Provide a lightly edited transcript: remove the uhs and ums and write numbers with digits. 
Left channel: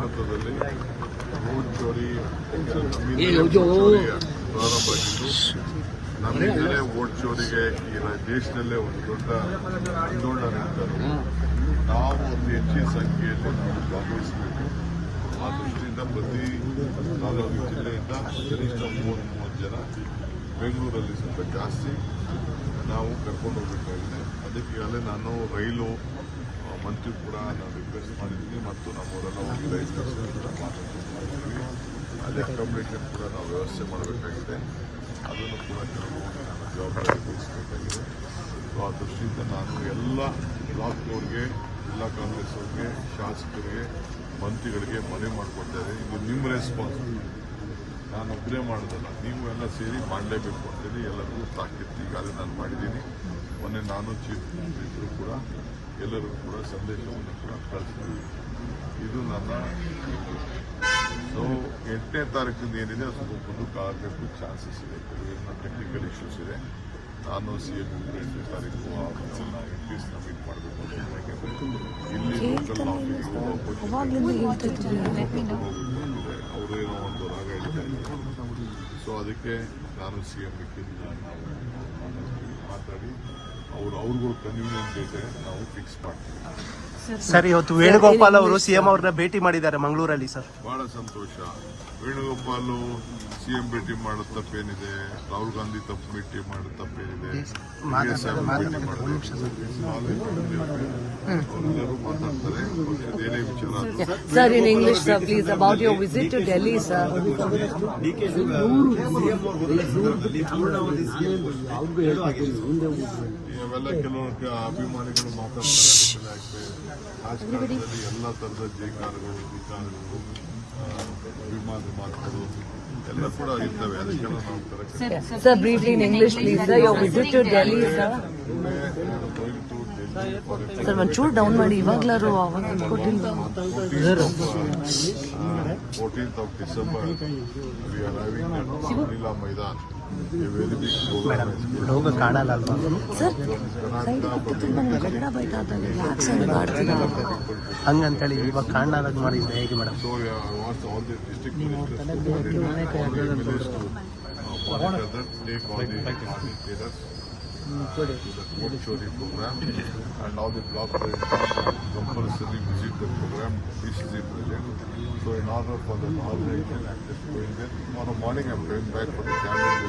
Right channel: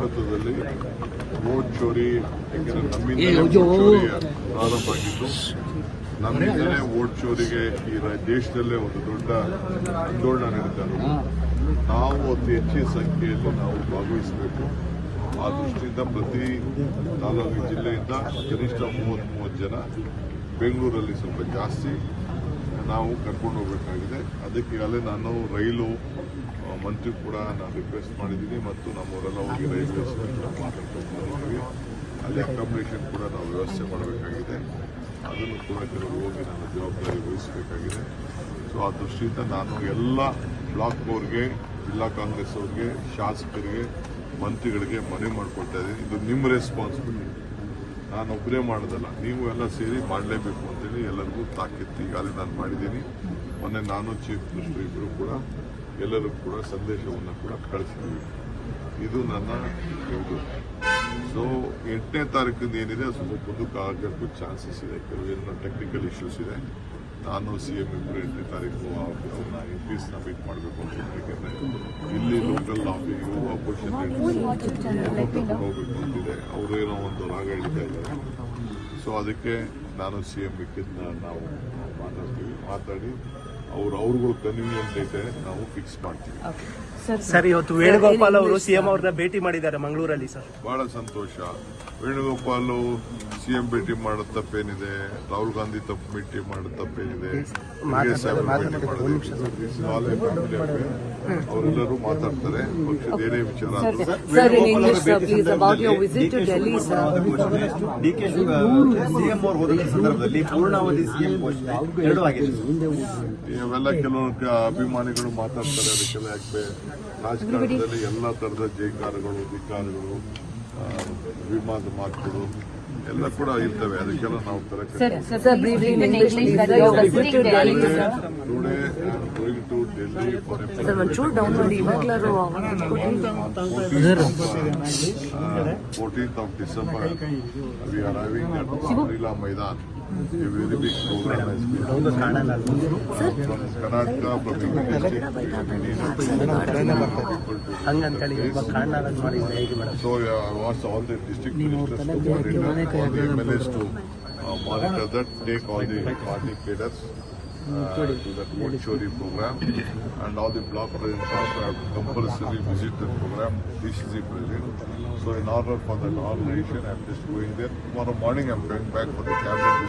ಭಾರತದಲ್ಲಿ ವೋಟ್ ಚೋರಿ, ಯಾಕೆಂದರೆ ನಮ್ಮಿಂದಲೇ ವೋಟ್ ಚೋರಿ ಪ್ರಾರಂಭ ಆಗಿತ್ತು. ನಮ್ಮಿಂದಲೇ ವೋಟ್ ಚೋರಿಗೆ ಈ ದೇಶದಲ್ಲೇ ಒಂದು ದೊಡ್ಡ ಆಂದೋಲನ ನಡೀತಾ ಇರೋದು. ನಾವು ಅತಿ ಹೆಚ್ಚಿನ ಸಂಖ್ಯೆಯಲ್ಲಿ ನಾವು ಭಾಗವಹಿಸಬೇಕು. ಆ ದೃಷ್ಟಿಯಿಂದ ಪ್ರತಿ 4 ಜಿಲ್ಲೆಯಿಂದ ಕನಿಷ್ಠ 30 ಜನ, ಬೆಂಗಳೂರಲ್ಲಿ ಸ್ವಲ್ಪ ಜಾಸ್ತಿ ನಾವು ಕರ್ಕೊಂಡು ಹೋಗಬೇಕಾಗಿದೆ. ಅದಕ್ಕೆ ಈಗಾಗಲೇ ನಾನು ರೈಲು ಮಂತ್ರಿ ಕೂಡ ನಾನು ರಿಕ್ವೆಸ್ಟ್ ಮಾಡಿದ್ದೀನಿ ಮತ್ತು ನಮ್ಮವರೆಲ್ಲ ಹೋಗಿ ರೈಲ್ವೆ ಮಾತಾಡ್ತಿದ್ದೀವಿ. ಅಲ್ಲಿ ಅಕಾಮಿಡೇಷನ್ ಕೂಡ ನಾವು ವ್ಯವಸ್ಥೆ ಮಾಡಬೇಕಾಗಿದೆ. ಅದನ್ನು ಕೂಡ ಕೆಲವರು ಹೋಗಿ ನನ್ನ ಜವಾಬ್ದಾರಿ ವಹಿಸಬೇಕಾಗಿದೆ. ಸೊ ಆ ದೃಷ್ಟಿಯಿಂದ ನಾನು ಎಲ್ಲ ಬ್ಲಾಕ್ ಅವ್ರಿಗೆ, ಜಿಲ್ಲಾ ಕಾಂಗ್ರೆಸ್ ಅವ್ರಿಗೆ, ಶಾಸಕರಿಗೆ, ಮಂತ್ರಿಗಳಿಗೆ ಮನವಿ ಮಾಡಿಕೊಳ್ತಾರೆ. ಇದು ನಿಮ್ಮ ರೆಸ್ಪಾನ್ಸಿಬಿಲಿಟಿ, ನಾನು ಒಬ್ಬರೇ ಮಾಡೋದಲ್ಲ, ನೀವು ಎಲ್ಲ ಸೇರಿ ಮಾಡಲೇಬೇಕು ಅಂತೇಳಿ ಎಲ್ಲರಿಗೂ ತಾಕೀತು ಈಗಾಗಲೇ ನಾನು ಮಾಡಿದ್ದೀನಿ. ಮೊನ್ನೆ ನಾನು ಚೀಫ್ ಮಿನಿಸ್ಟರ್ ಇಬ್ಬರು ಕೂಡ ಎಲ್ಲರಿಗೂ ಕೂಡ ಸಂದೇಶವನ್ನು ಕೂಡ ಕಳಿಸ್ತೀವಿ. ಇದು ನನ್ನ ಇದು. ಸೊ 8ನೇ ತಾರೀಕಿಂದ ಏನಿದೆ ಸ್ವಲ್ಪ ಮುಂದಕ್ಕೆ ಆಗಬೇಕು ಚಾನ್ಸಸ್ ಇದೆ. ಕೆಲವೇನೋ ಟೆಕ್ನಿಕಲ್ ಇಶ್ಯೂಸ್ ಇದೆ. ನಾನು ಸಿಎಂ ಇಬ್ಬರು 8ನೇ ತಾರೀಕು ಅವ್ರನ್ನ ಎಂಪೀಸ್ನ ಮೀಟ್ ಮಾಡಬೇಕು ಅಂತ ಯಾಕೆಂದರೆ ಇಲ್ಲಿ ಲೋಕಲ್ ಆಫೀಸ್ ಅಪೋಸಿಷನ್ ಕರ್ಕೊಂಡು ಹೋಗಬೇಕು ಅಂತಿದೆ. ಅವರು ಏನೋ ಒಂದು ರಾಗ ಹಿಡಿತಾ ಇದ್ದಾರೆ. ಸೊ ಅದಕ್ಕೆ ನಾನು ಸಿಎಂ ಮಿಕ್ಕಿದ್ನ ನಾವು ಮಾತಾಡಿ ಅವ್ರಿಗೂ ಕನ್ವೀನಿಯಂಟ್ ಡೇಟೆ ನಾವು ಫಿಕ್ಸ್ ಮಾಡ್ತೀವಿ. ಸರ್, ಇವತ್ತು ವೇಣುಗೋಪಾಲ್ ಅವರು ಸಿಎಂ ಅವ್ರನ್ನ ಭೇಟಿ ಮಾಡಿದ್ದಾರೆ ಮಂಗಳೂರಲ್ಲಿ. ಸರ್, ಬಹಳ ಸಂತೋಷ. ವೇಣುಗೋಪಾಲ್ ಸಿಎಂ ಭೇಟಿ ಮಾಡೋದು ತಪ್ಪೇನಿದೆ? ರಾಹುಲ್ ಗಾಂಧಿ ಭೇಟಿ ಮಾಡೋದು ತಪ್ಪೇನಿದೆ? ಅವರೆಲ್ಲರೂ ಮಾತಾಡ್ತಾರೆ. ಪಕ್ಷದ ಏನೇ ವಿಚಾರ ಸಂದರ್ಭದಲ್ಲಿ ಪೂರ್ಣಾವಧಿ ಸಿಎಂ ಘೋಷಣೆ ಎರಡೂ ಆಗಿದೆ. ಇವೆಲ್ಲ ಕೆಲವು ಅಭಿಮಾನಿಗಳು ಮಾತಾಡ್ತಾರೆ. ಅದಕ್ಕೆಲ್ಲ ಯಾಕೆ ರಾಜಕಾರಣದಲ್ಲಿ ಎಲ್ಲ ಥರದ ಜೈಕಾರಗಳು, ಧಿಕಾರಗಳು, ವಿಮಾನದ ಮಾತುಗಳು ಎಲ್ಲ ಕೂಡ ಇರ್ತವೆ. ಅದಕ್ಕೆಲ್ಲ ನಾವು ಕರೆಕ್ಟ್14th of December we are having at Amrila Maidan a very big program. Karnataka Public So I want all the district ministers to monitor, all the MLAs to monitor that, take all the party cadres to that vote chori program, and all the block presidents have compulsory visit the program digitally present. So in order for that organization, I'm just going there. Tomorrow morning I'm going back for the cabinet.